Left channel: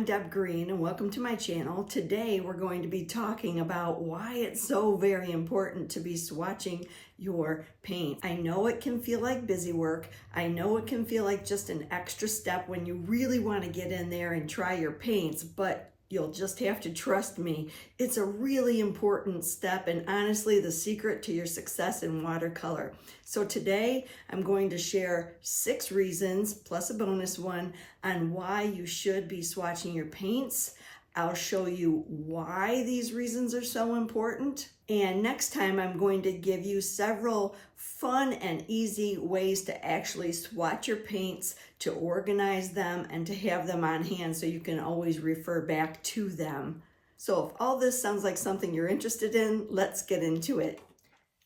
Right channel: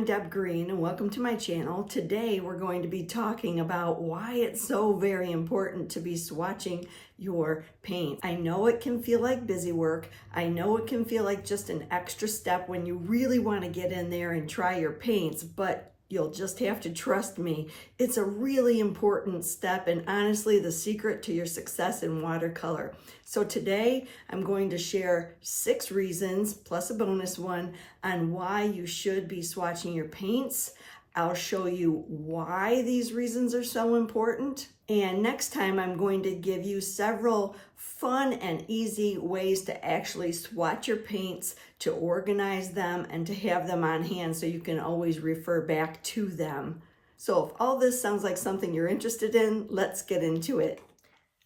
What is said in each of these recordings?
I'm Deb Green and welcome to my channel. Today we're going to be talking about why it's so very important to be swatching your paint. I know it can feel like busy work. I know it can feel like just an extra step when you really want to get in there and try your paints, but you'll just have to trust me. It's a really important step and honestly the secret to your success in watercolor. So today I'm going to share 6 reasons plus a bonus one on why you should be swatching your paints. I'll show you why these reasons are so important. And next time I'm going to give you several fun and easy ways to actually swatch your paints, to organize them, and to have them on hand so you can always refer back to them. So if all this sounds like something you're interested in, let's get into it.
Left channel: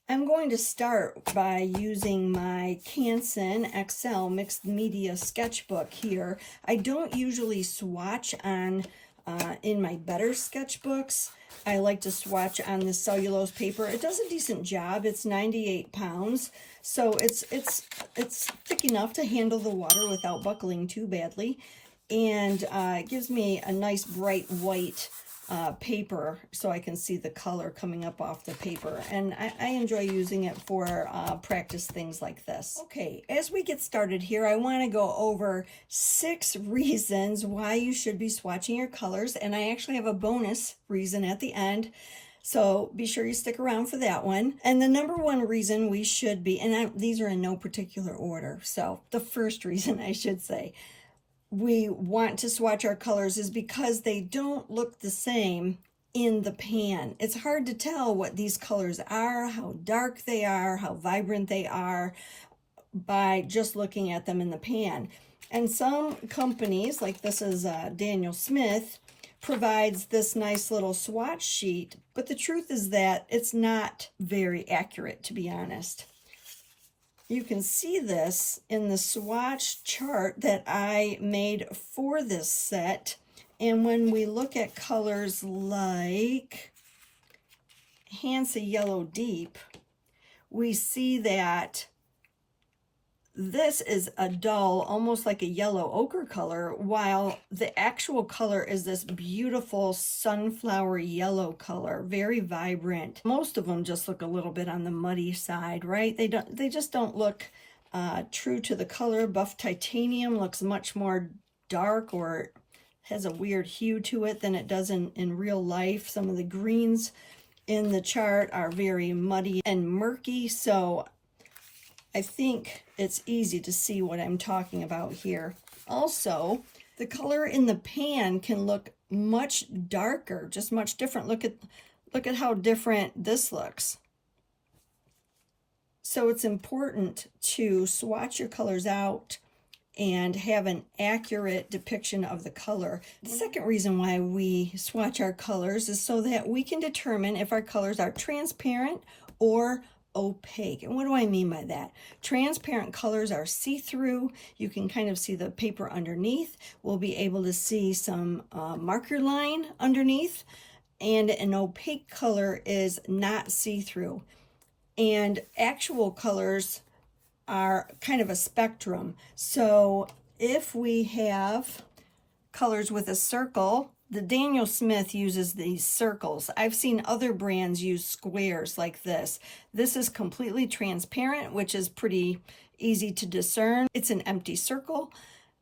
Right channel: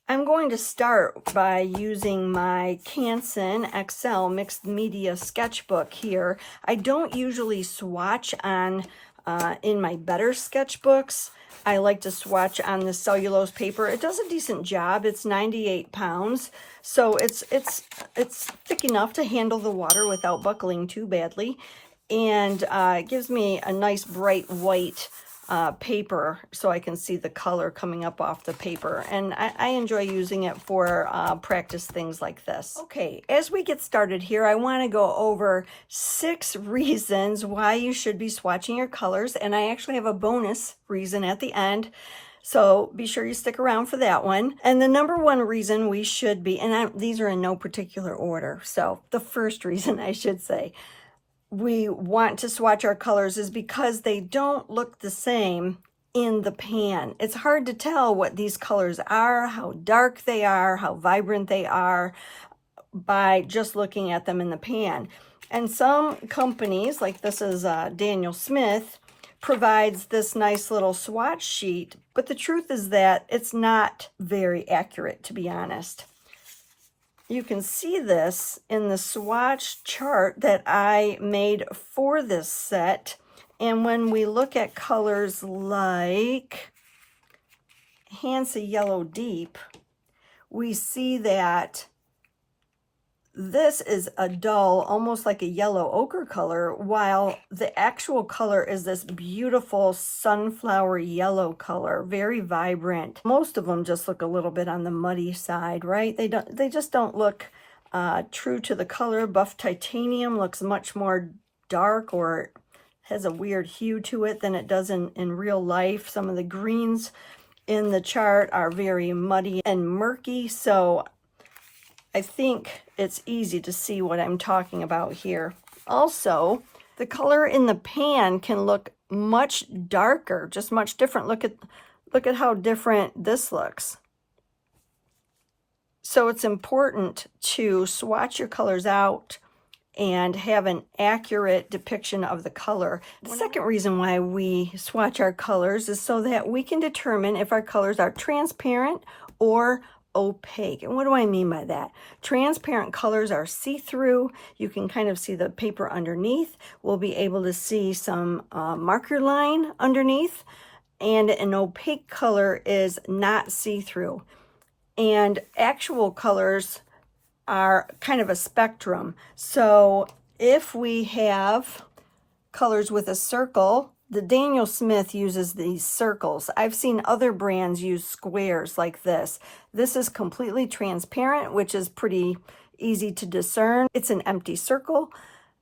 I'm going to start by using my Canson XL Mixed Media Sketchbook here. I don't usually swatch on in my better sketchbooks. I like to swatch on the cellulose paper. It does a decent job. It's 98 pounds, so it's thick enough to handle the water without buckling too badly, and it gives me a nice bright white paper so I can see the color coming up off the paper, and I enjoy using it for practice things like this. Okay, as we get started here, I want to go over 6 reasons why you should be swatching your colors, and I actually have a bonus reason at the end, so be sure you stick around for that one. And the number one reason we should be, and these are in no particular order, so the first reason I should say we want to swatch our colors is because they don't look the same in the pan. It's hard to tell what these colors are, how dark they are, how vibrant they are by just looking at them in the pan. And some companies, like this is Daniel Smith, provides this nice little swatch sheet, but the truth is that it's not very accurate, to be honest. You can see this in the swatch chart that I made for this set. And when we look at colors like Hansa Yellow Deep, we see that this is a dull, almost like a yellow ochre color, while the actual color is this beautiful sunflower yellow color, very vibrant. Most of them just look a little bit on the muddy side, right? They just don't look true to the color. Buff Titanium looks much more dark, or has a weird hue to it than it does in real life. Some of the greens in the chart are very muddy and murky, so I think it's easy to see what I'm talking about here. Also, the color in the pan can look much darker, just much different. Look at how different this looks. So it's important to swatch your colors out and have an accurate depiction of the color. The second reason why we swatch our colors is so that we can determine if our colors are transparent or opaque. And what do I mean by that? Transparent colors are see-through. You can kind of see the paper underneath. We'll be able to see some marker line underneath. And an opaque color is not see-through. And actual colors are kind of a spectrum. So if we have colors with a circle, the Daniel Smith uses these circles. I've seen other brands use squares like this. This is completely transparent, which is pretty easy to discern. It's an empty circle.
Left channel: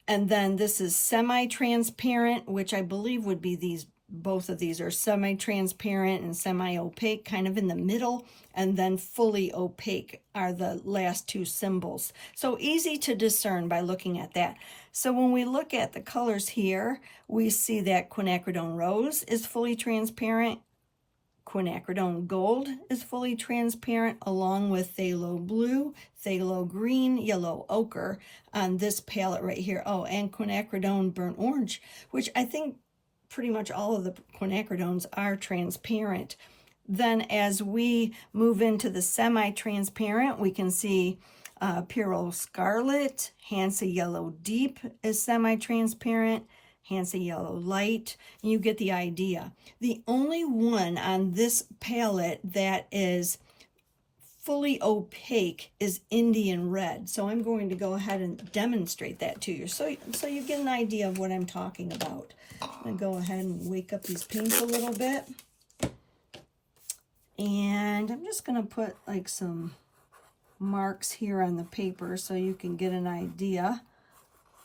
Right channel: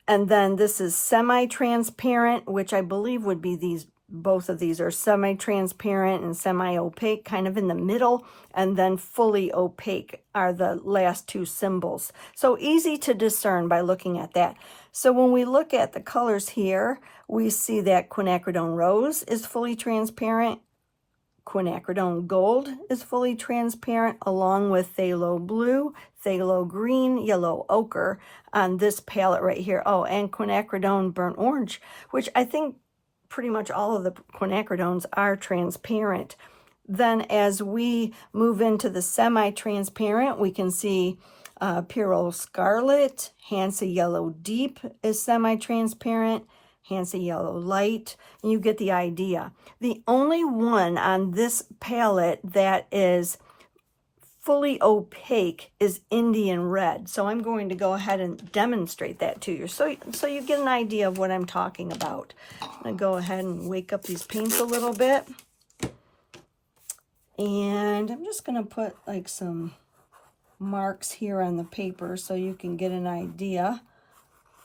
And then this is semi-transparent, which I believe would be these. Both of these are semi-transparent and semi-opaque, kind of in the middle. And then fully opaque are the last 2 symbols. So easy to discern by looking at that. So when we look at the colors here, we see that quinacridone rose is fully transparent, quinacridone gold is fully transparent, along with phthalo blue, phthalo green, yellow ochre on this palette right here. Oh, and quinacridone burnt orange, which I think pretty much all of the quinacridones are transparent. Then as we move into the semi-transparent, we can see Pyrrole Scarlet, Hansa Yellow Deep is semi-transparent, Hansa Yellow Light, and you get the idea. The only one on this palette that is fully opaque is Indian red. So I'm going to go ahead and demonstrate that to you so you get an idea of what I'm talking about. I'm going to go ahead and wake up these paints a little bit. And I'm just going to put like some marks here on the paper so you can get an idea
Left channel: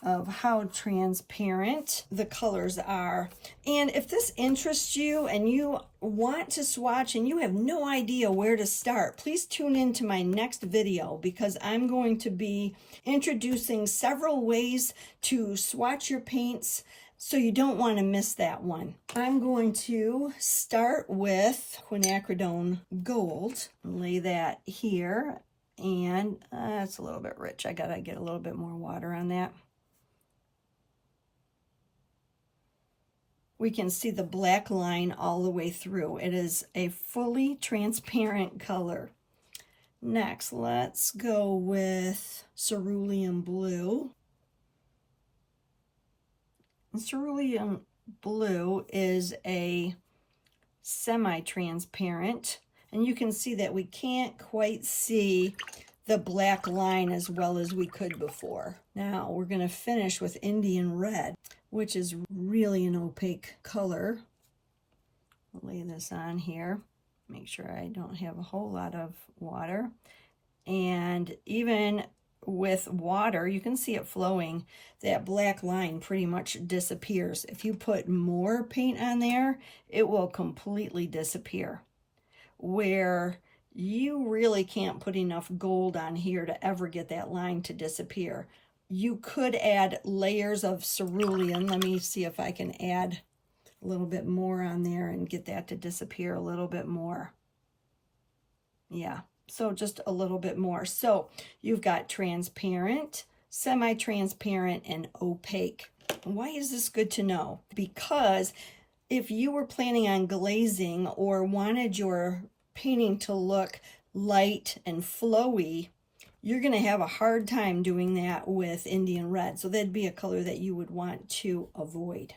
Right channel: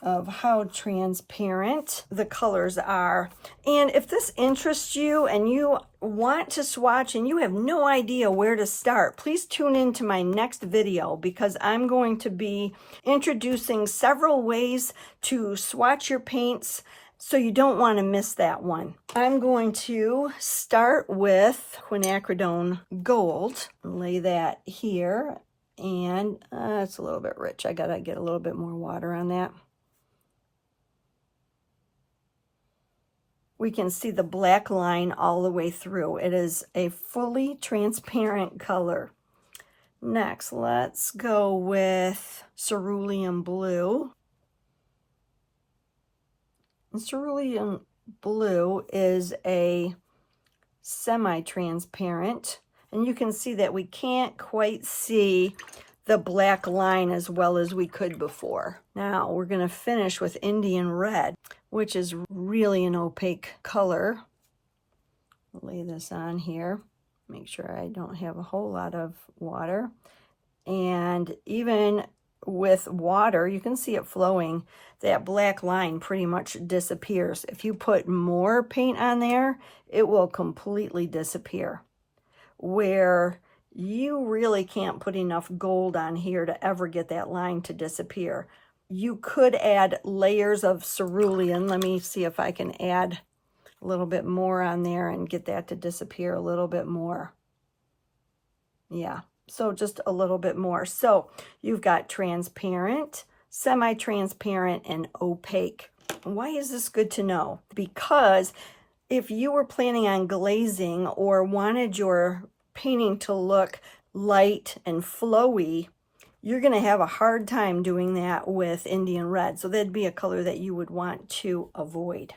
of how transparent the colors are. And if this interests you and you want to swatch and you have no idea where to start, please tune into my next video, because I'm going to be introducing several ways to swatch your paints, so you don't want to miss that one. I'm going to start with quinacridone gold, lay that here, and it's a little bit rich. I gotta get a little bit more water on that. We can see the black line all the way through. It is a fully transparent color. Next, let's go with cerulean blue. And cerulean blue is a semi-transparent, and you can see that we can't quite see the black line as well as we could before. Now we're going to finish with Indian red, which is really an opaque color. I'll lay this on here. Make sure I don't have a whole lot of water. And even with water, you can see it flowing. That black line pretty much disappears. If you put more paint on there, it will completely disappear. Where you really can't put enough gold on here to ever get that line to disappear. You could add layers of cerulean. Let me see if I can add a little bit more on there and get that to disappear a little bit more. Yeah, so just a little bit more. So you've got transparent, semi-transparent, and opaque. Why is this good to know? Because if you were planning on glazing or wanted your painting to look light and flowy, you're going to have a hard time doing that with Indian red. So that'd be a color that you would want to avoid.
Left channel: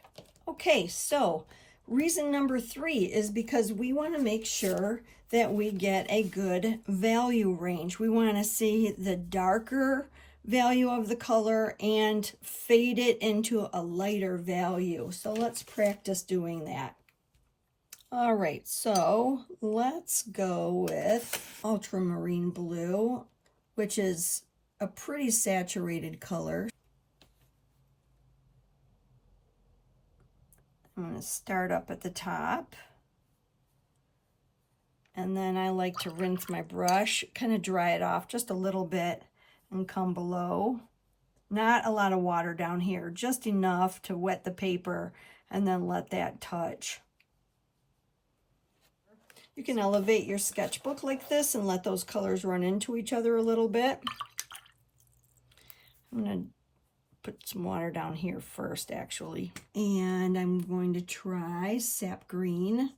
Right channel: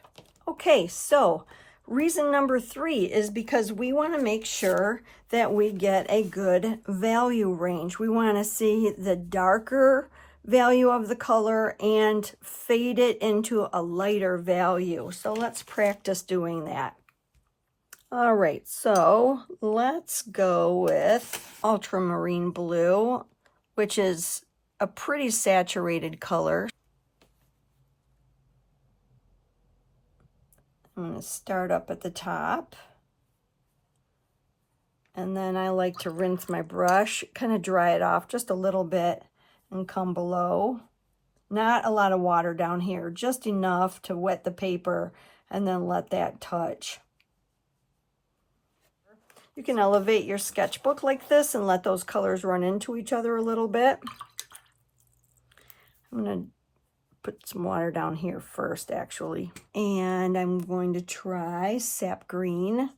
Okay, so reason number 3 is because we want to make sure that we get a good value range. We want to see the darker value of the color and fade it into a lighter value. So let's practice doing that. All right, so let's go with ultramarine blue, which is a pretty saturated color. I'm going to start up at the top. And then I like to rinse my brush, kind of dry it off just a little bit and come below. Not a lot of water down here, just enough to wet the paper and then let that touch. You can elevate your sketchbook like this and let those colors run into each other a little bit. I'm going to put some water down here first, actually. And I'm going to try sap green.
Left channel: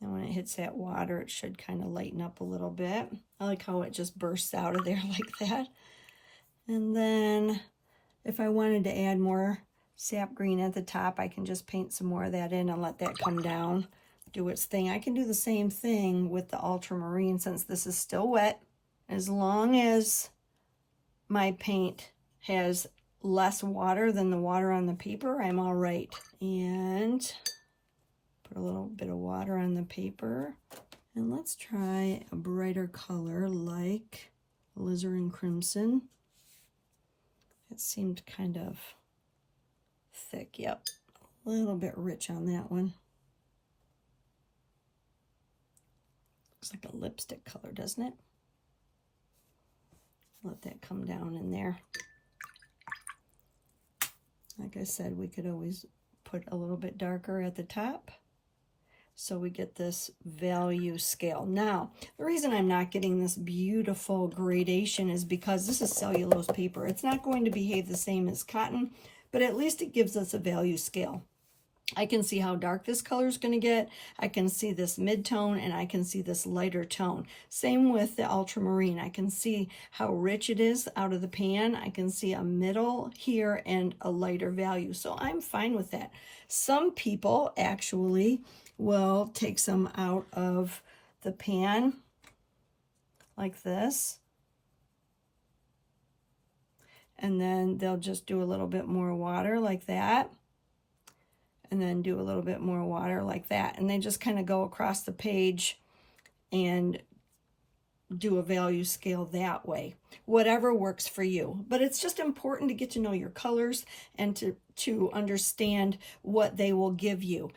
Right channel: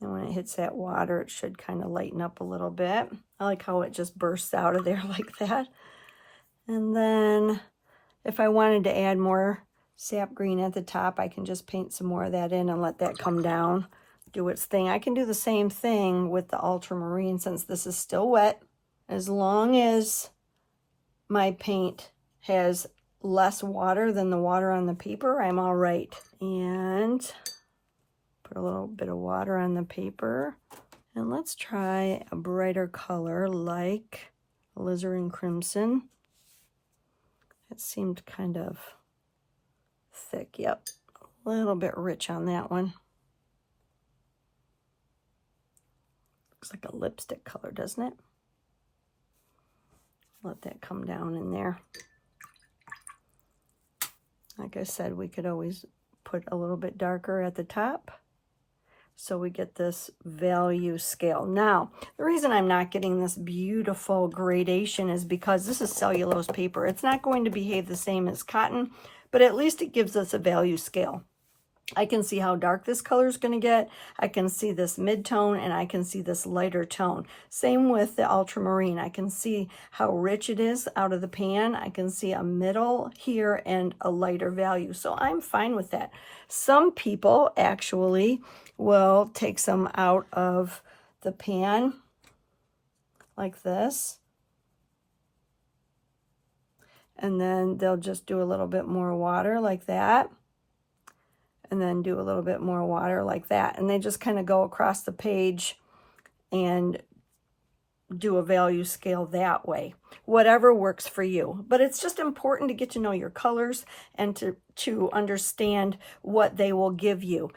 And when it hits that water, it should kind of lighten up a little bit. I like how it just bursts out of there like that. And then if I wanted to add more sap green at the top, I can just paint some more of that in and let that come down, do its thing. I can do the same thing with the ultramarine since this is still wet. As long as my paint has less water than the water on the paper, I'm all right. And put a little bit of water on the paper. And let's try a brighter color like alizarin crimson. It seemed kind of thick. Yep, a little bit rich on that one. Looks like a lipstick color, doesn't it? Let that come down in there. Like I said, we could always put a little bit darker at the top so we get this value scale. Now, the reason I'm not getting this beautiful gradation is because this is cellulose paper. It's not going to behave the same as cotton, but at least it gives us a value scale. I can see how dark this color is going to get. I can see this mid-tone and I can see this lighter tone. Same with the ultramarine. I can see how rich it is out of the pan. I can see a middle here and a lighter value. So I'm fine with that. Some people actually will take some out of the pan like this. And then they'll just do a little bit more water like that. And then do a little bit more water like that. And they just kind of go across the page and do a value scale that way. Whatever works for you. But it's just important to get to know your colors and to understand what they will give you.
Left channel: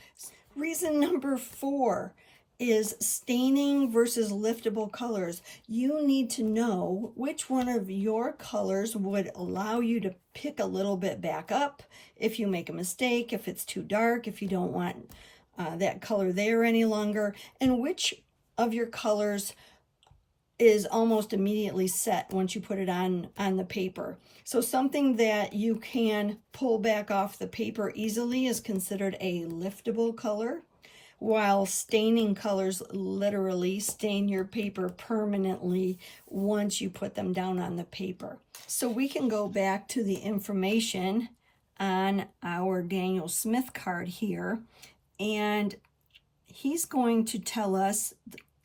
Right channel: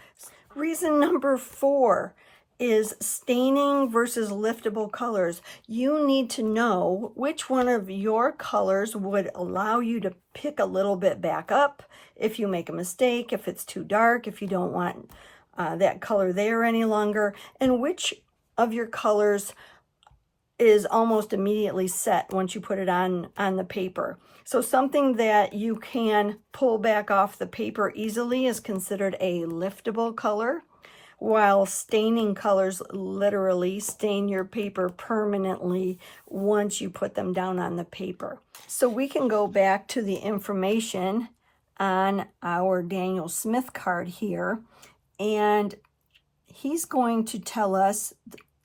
Reason number 4 is staining versus liftable colors. You need to know which one of your colors would allow you to pick a little bit back up if you make a mistake, if it's too dark, if you don't want that color there any longer, and which of your colors is almost immediately set once you put it on the paper. So something that you can pull back off the paper easily is considered a liftable color, while staining colors literally stain your paper permanently once you put them down on the paper. So we can go back to the information on our Daniel Smith card here, and he's going to tell us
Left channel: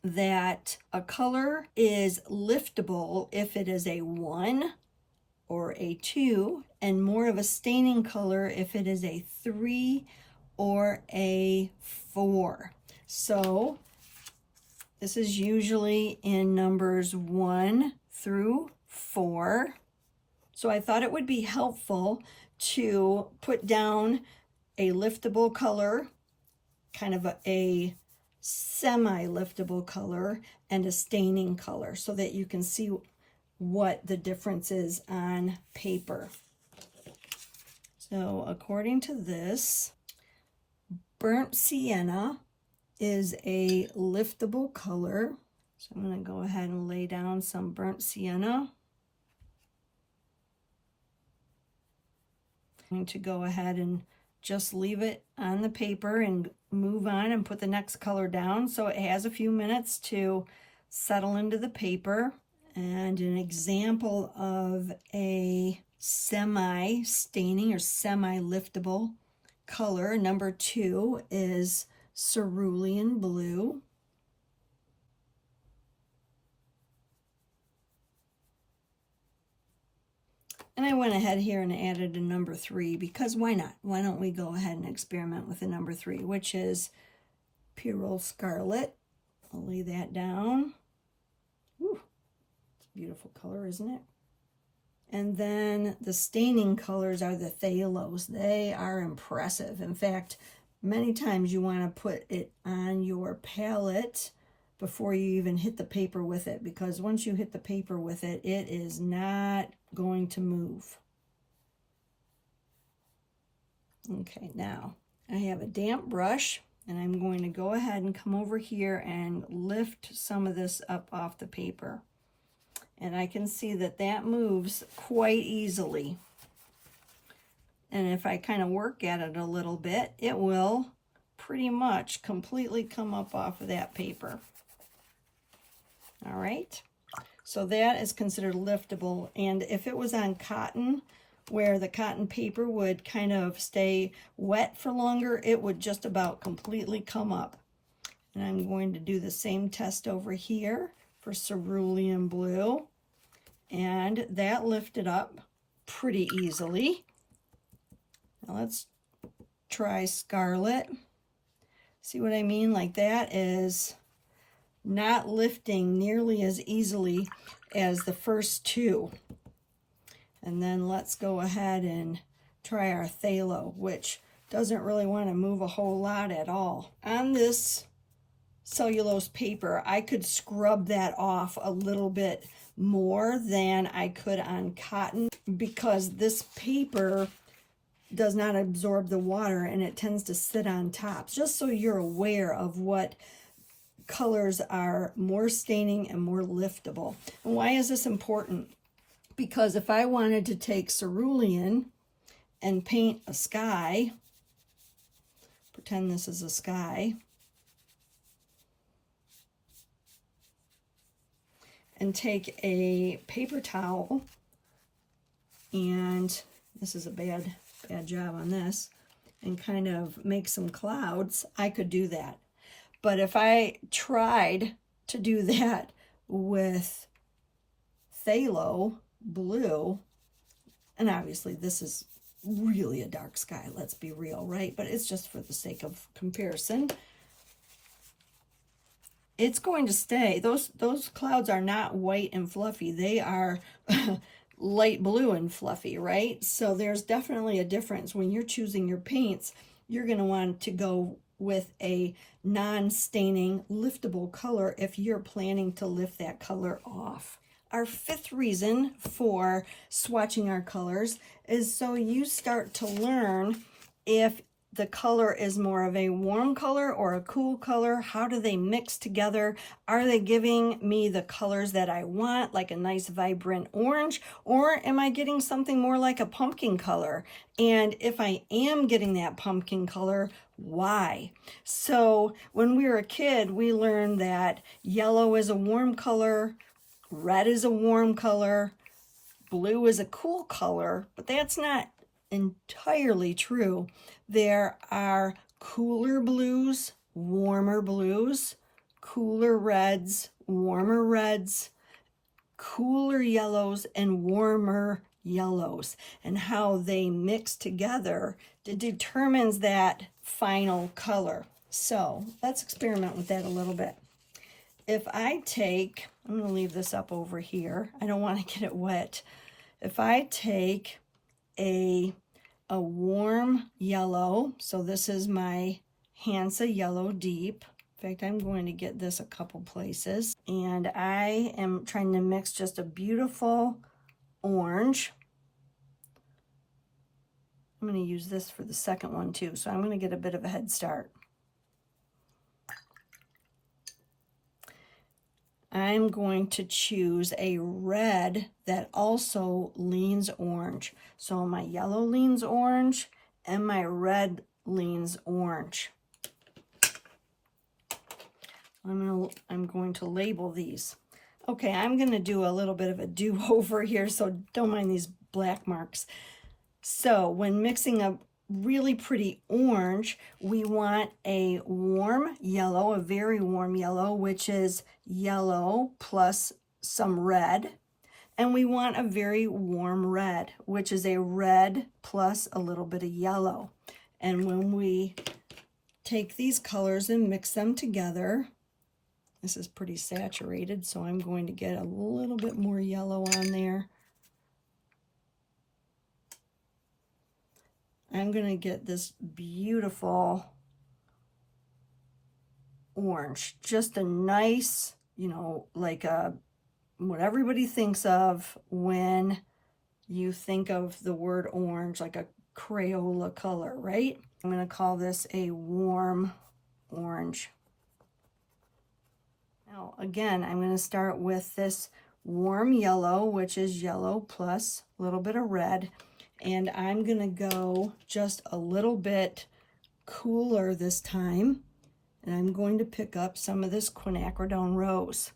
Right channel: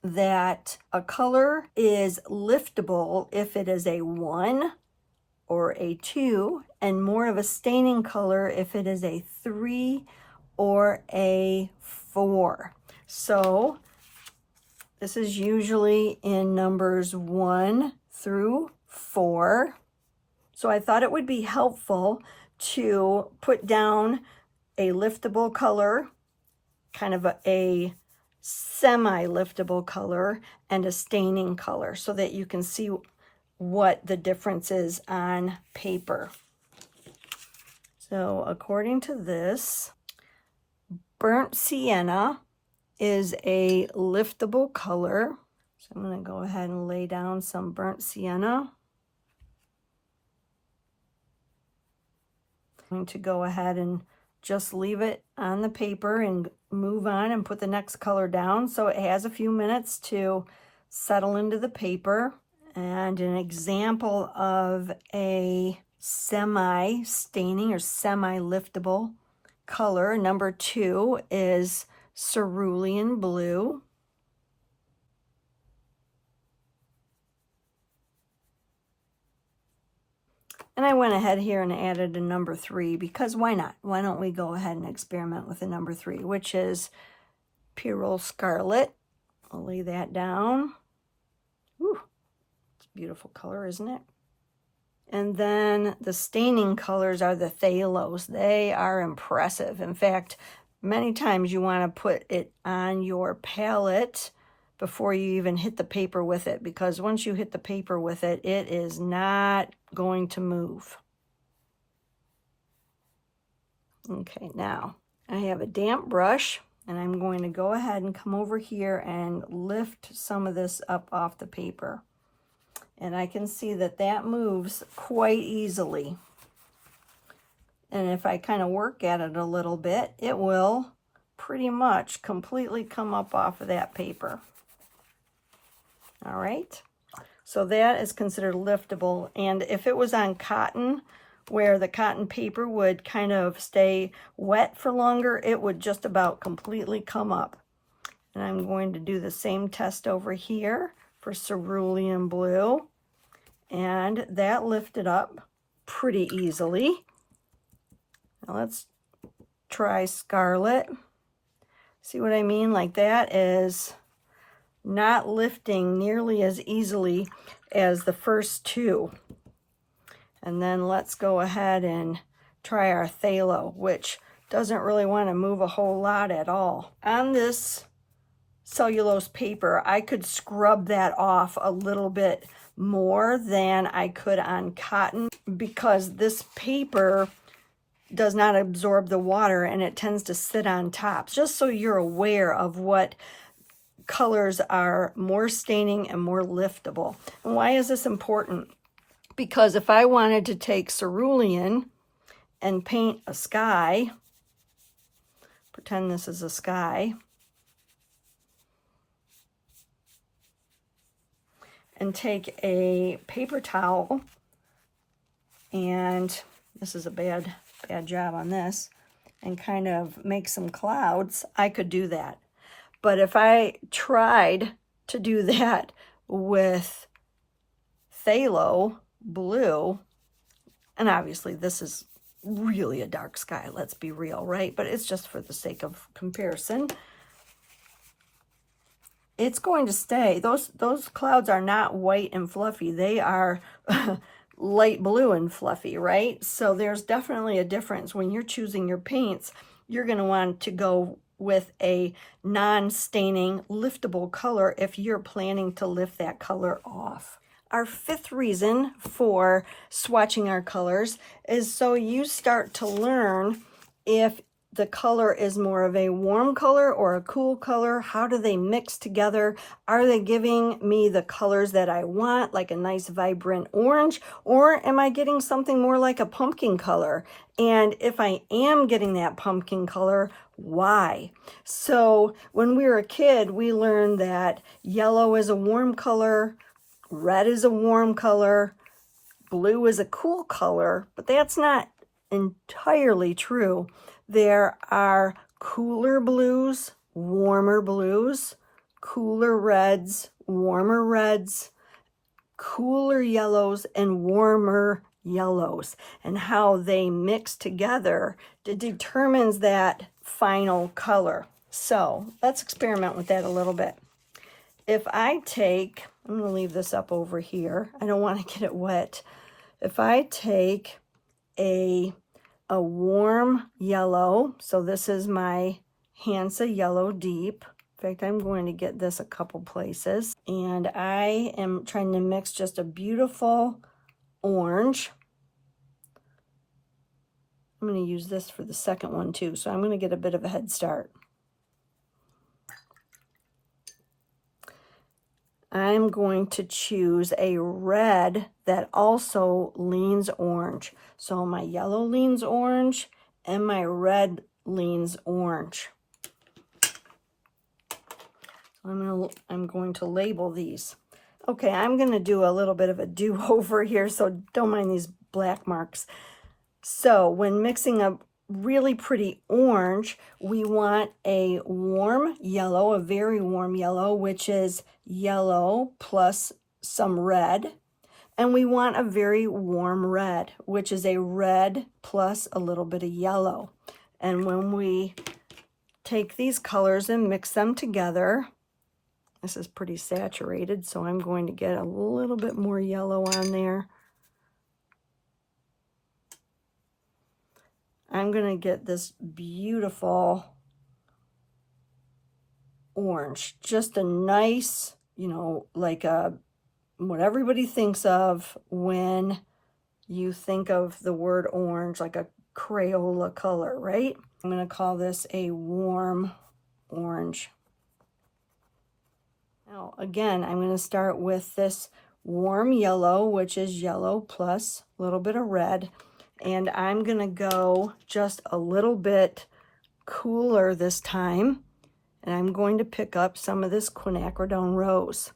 that a color is liftable if it is a 1 or a 2, and more of a staining color if it is a 3 or a 4. So this is usually in numbers 1 through 4. So I thought it would be helpful to put down a liftable color, kind of a semi-liftable color, and a staining color so that you can see what the difference is on paper. So according to this, burnt sienna is a liftable color. So I'm going to go ahead and lay down some burnt sienna. I'm going to go ahead and just leave it on the paper and move on and put the next color down so it has a few minutes to settle into the paper. And an example of a semi-staining or semi-liftable color, number 2, is cerulean blue. And I went ahead here and added a number 3 because why not? Why don't we go ahead and experiment with a number 3, which is Pyrrole Scarlet. I'll lay that down. Ooh, it's a beautiful color, isn't it? And then the staining colors are the Phthalos. They are impressive. In fact, many times you want to put it on your palette before you even hit the paper with it, because once you hit the paper with it, it is not going to move. Okay, now I have a damp brush, and I'm going to go ahead and come over here and lift some of this up off the paper. And I can see that that moves quite easily. And if I kind of work at it a little bit, it will pretty much completely come up off of that paper. All right, so that is considered liftable. And if it was on cotton, where the cotton paper would kind of stay wet for longer, it would just about completely come up. And I'm going to do the same test over here for cerulean blue. And that lifted up pretty easily. Now let's try scarlet. See what I mean? Like that is not lifting nearly as easily as the first 2. And then let's go ahead and try our phthalo, which doesn't really want to move a whole lot at all. On this cellulose paper, I could scrub that off a little bit more than I could on cotton, because this paper does not absorb the water and it tends to sit on top. Just so you're aware of what colors are more staining and more liftable. And why is this important? Because if I wanted to take cerulean and paint a sky, pretend this is a sky, and take a paper towel, and this is a bad job on this, and kind of make some clouds, I could do that. But if I tried to do that with phthalo blue, and obviously this is really a dark sky, let's be real, right? But it's just for the sake of comparison. It's going to stay. Those clouds are not white and fluffy. They are light blue and fluffy, right? So there's definitely a difference. When you're choosing your paints, you're going to want to go with a non-staining liftable color if you're planning to lift that color off. Our fifth reason for swatching our colors is so you start to learn if the color is more of a warm color or a cool color. How do they mix together? Are they giving me the colors that I want, like a nice vibrant orange, or am I getting something more like a pumpkin color? And if I am getting that pumpkin color, why? So when we were a kid, we learned that yellow is a warm color, red is a warm color, blue is a cool color, but that's not entirely true. There are cooler blues, warmer blues, cooler reds, warmer reds, cooler yellows, and warmer yellows. And how they mix together determines that final color. So let's experiment with that a little bit. If I take, I'm going to leave this up over here. I don't want to get it wet. If I take a warm yellow, so this is my Hansa Yellow Deep. In fact, I'm going to get this a couple places. And I am trying to mix just a beautiful orange. I'm going to use this for the second one too, so I'm going to get a bit of a head start. I'm going to choose a red that also leans orange. So my yellow leans orange and my red leans orange. I'm going to label these. Okay, I'm going to do a little bit of a do-over here, so don't mind these black marks. So when mixing a really pretty orange, we want a warm yellow, a very warm yellow, which is yellow plus some red. And we want a very warm red, which is a red plus a little bit of yellow. And when we take these colors and mix them together, this is pretty saturated, so I'm going to get a little bit more yellow on there. I'm going to get this beautiful orange, just a nice, you know, like what everybody thinks of when you think of the word orange, like a Crayola color, right? I'm going to call this a warm orange. Now, again, I'm going to start with this warm yellow, which is yellow plus a little bit of red. And I'm going to go just a little bit cooler this time. And I'm going to pick up some of this quinacridone rose.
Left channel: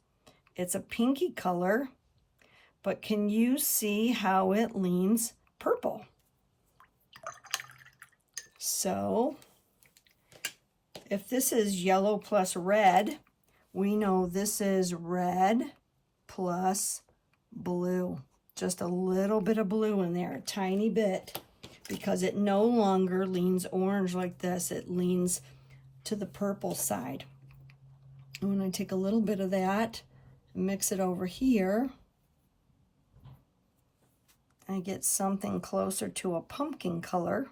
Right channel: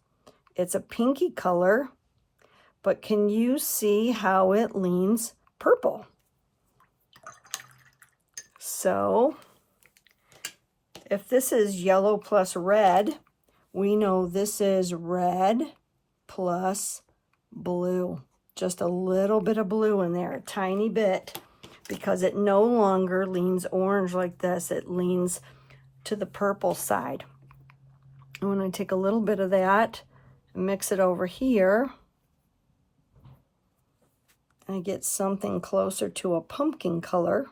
It's a pinky color, but can you see how it leans purple? So if this is yellow plus red, we know this is red plus blue. Just a little bit of blue in there, a tiny bit, because it no longer leans orange like this. It leans to the purple side. I'm going to take a little bit of that and mix it over here. I get something closer to a pumpkin color.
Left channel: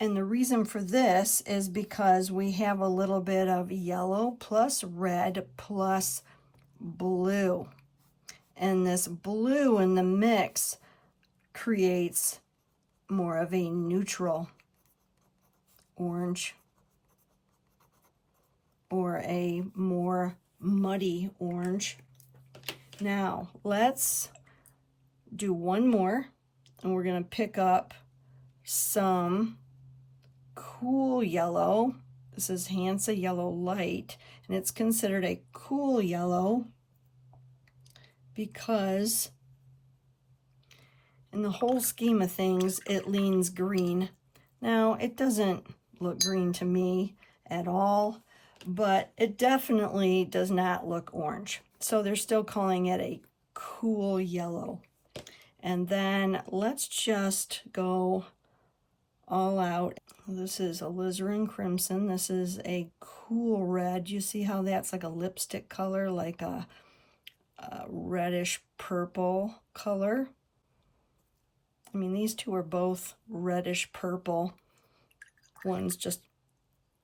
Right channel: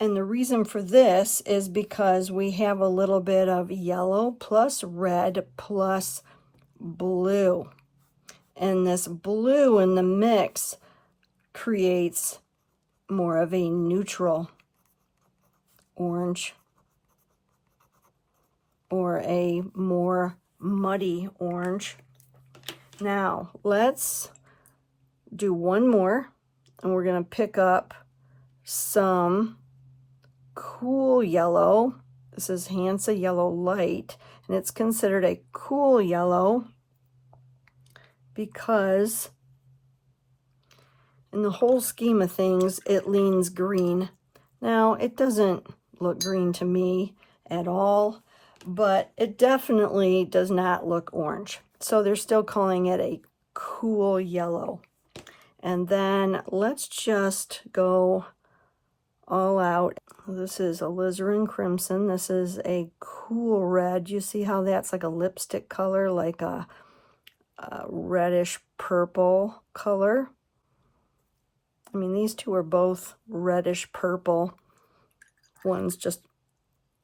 And the reason for this is because we have a little bit of yellow plus red plus blue. And this blue in the mix creates more of a neutral orange or a more muddy orange. Now, let's do one more, and we're going to pick up some cool yellow. This is Hansa Yellow Light, and it's considered a cool yellow because in the whole scheme of things, it leans green. Now, it doesn't look green to me at all, but it definitely does not look orange. So they're still calling it a cool yellow. And then let's just go all out. This is alizarin crimson. This is a cool red. You see how that's like a lipstick color, like a reddish purple color. I mean, these two are both reddish purple. One's just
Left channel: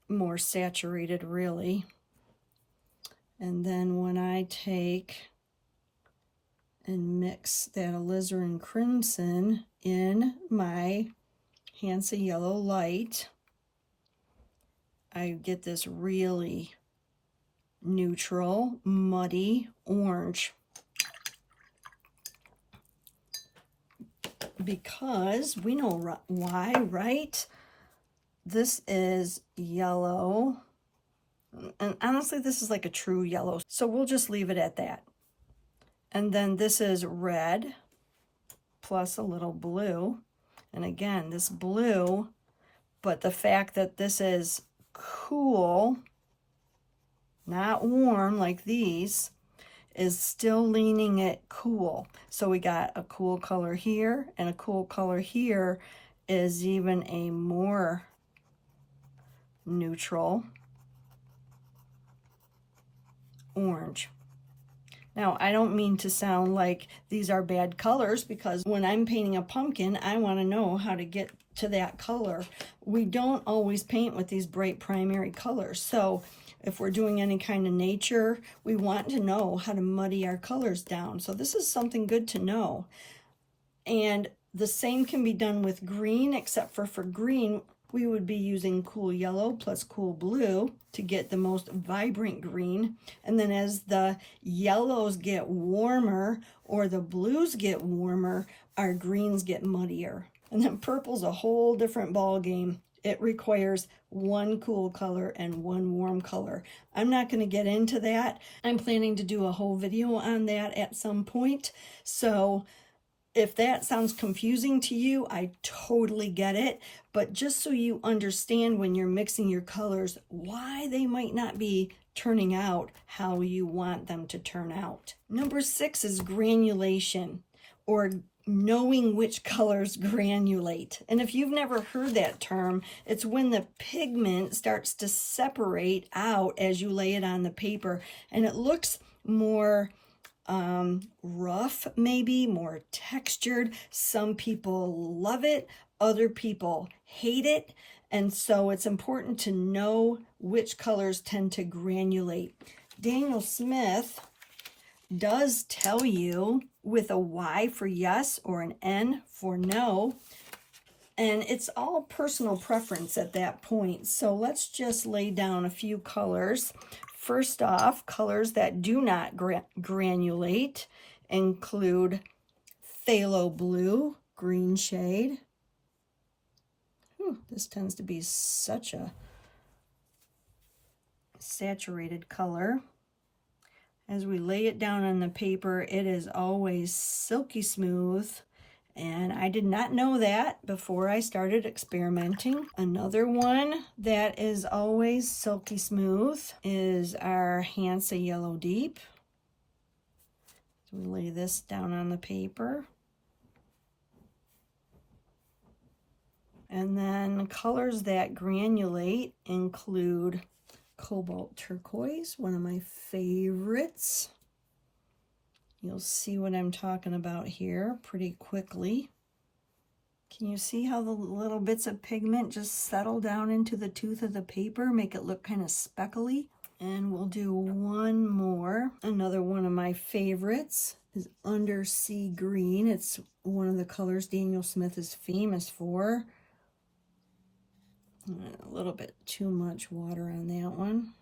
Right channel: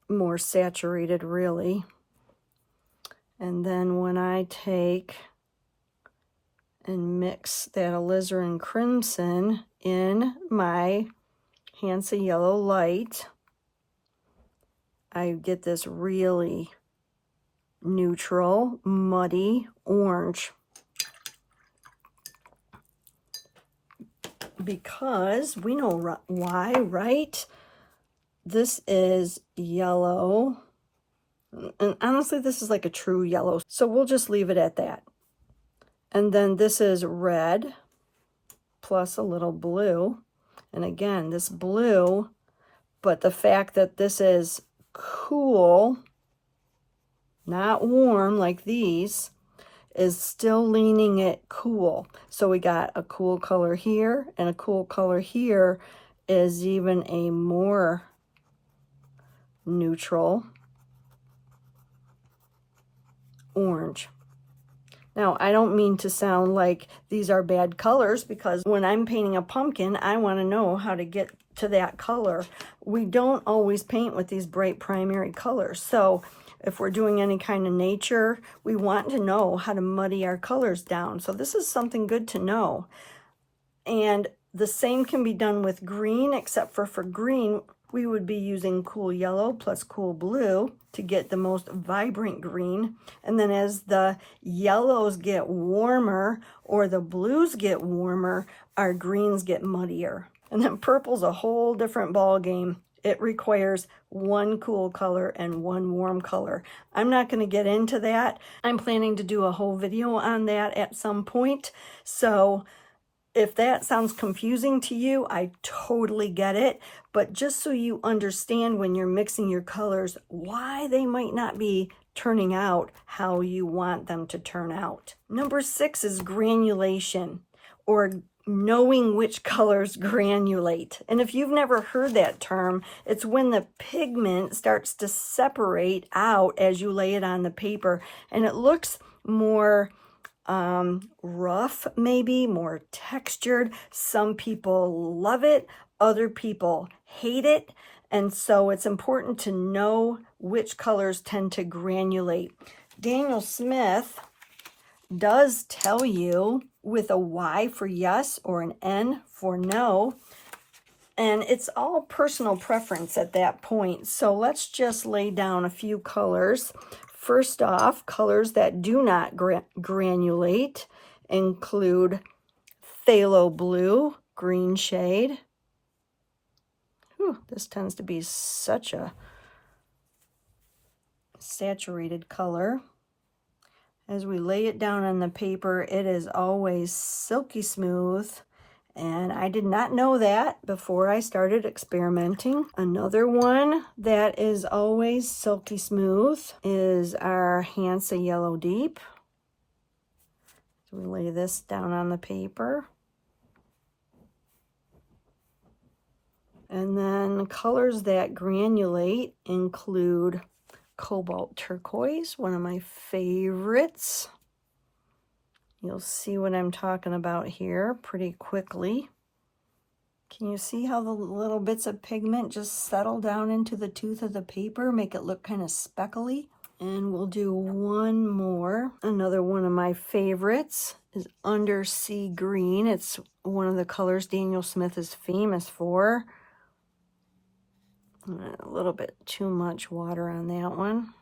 more saturated, really. And then when I take and mix that alizarin crimson in my Hansa Yellow Light, I get this really neutral, muddy orange. Because we know why, right? This is yellow. And honestly, this is like a true yellow. So we'll just leave it at that. And then this is red plus a little blue. And again, this blue, but the fact that this is cool, not warm like these, is still leaning it cool. So we got a cool color here, and a cool color here is even a more neutral orange. Now, I don't mean to sound like these are bad colors, because when I'm painting a pumpkin, I want to know how to get to that color. We don't always paint with these bright primary colors. So if we're doing any kind of nature, we want to know how to muddy our colors down. So this is something good to know. And the same can be done with green, except for green, we would be using cool yellow plus cool blue to get the most vibrant green. And then as the yellows get warmer or the blues get warmer, our greens get muddier. And then purple's a whole different ball game. It requires one cool color and one warm color. I'm not going to get into that. I'm planning to do a whole video on that at some point. So if that sounds confusing to you, I totally get it. But just so you understand when you're mixing your colors, why they might not be turning out how you want them to turn out. Number 6 is granulation, or knowing which colors granulate. And if you've never heard that term, it's when the pigment starts to separate out as you lay it on the paper, and it looks more rough, maybe more textured. Some people love it, other people hate it. And so it's important to know which colors tend to granulate. Daniel Smith does tell you with a Y for yes or an N for no. And it's all personal preference at that point. So let's just lay down a few colors. First off, colors that do not granulate include phthalo blue, green shade. This tends to be such a saturated color. As we lay it down on the paper, it is always silky smooth. And I did not know that before I started experimenting. Another one that is always silky smooth is our Hansa Yellow Deep. We lay this down on the paper. And then colors that granulate include cobalt turquoise, one of my favorites. You'll see what I'm talking about here pretty quickly. Can you see how the little bits of pigment just settle down into the tooth of the paper, make it look kind of speckly? And we'll do one more. Another one of my favorites is Undersea Green. It's one of the colors Daniel Smith is famous for. A little bit too much water on that one.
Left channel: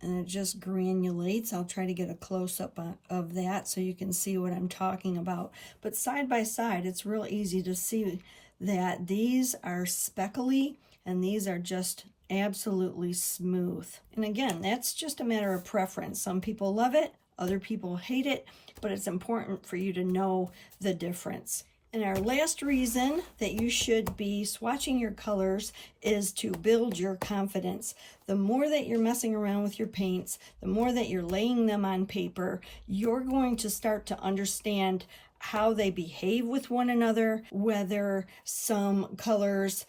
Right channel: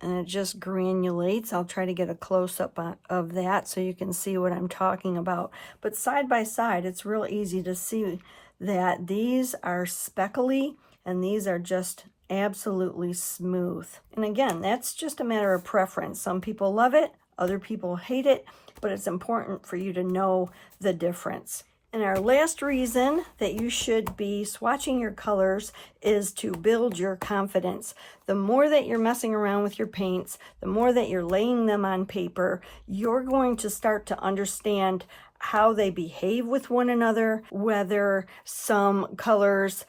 And it just granulates. I'll try to get a close-up of that so you can see what I'm talking about. But side by side, it's real easy to see that these are speckly and these are just absolutely smooth. And again, that's just a matter of preference. Some people love it, other people hate it, but it's important for you to know the difference. And our last reason that you should be swatching your colors is to build your confidence. The more that you're messing around with your paints, the more that you're laying them on paper, you're going to start to understand how they behave with one another, whether some colors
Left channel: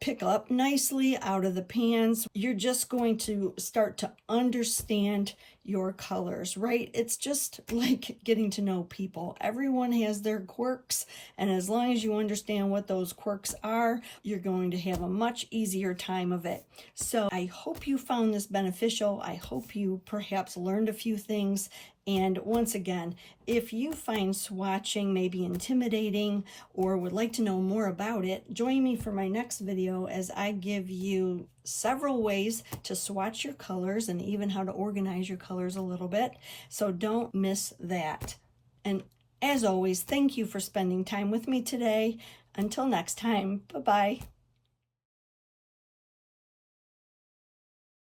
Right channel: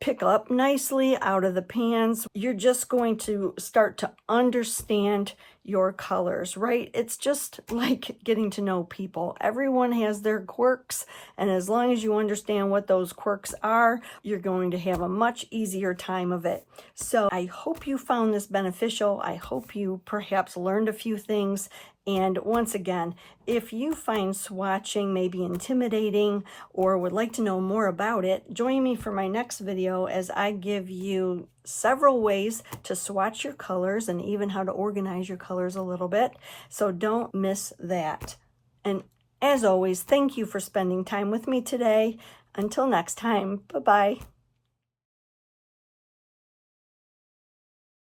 pick up nicely out of the pans. You're just going to start to understand your colors, right? It's just like getting to know people. Everyone has their quirks, and as long as you understand what those quirks are, you're going to have a much easier time of it. So I hope you found this beneficial. I hope you perhaps learned a few things. And once again, if you find swatching maybe intimidating or would like to know more about it, join me for my next video as I give you several ways to swatch your colors and even how to organize your colors a little bit. So don't miss that. And as always, thank you for spending time with me today. Until next time, bye-bye.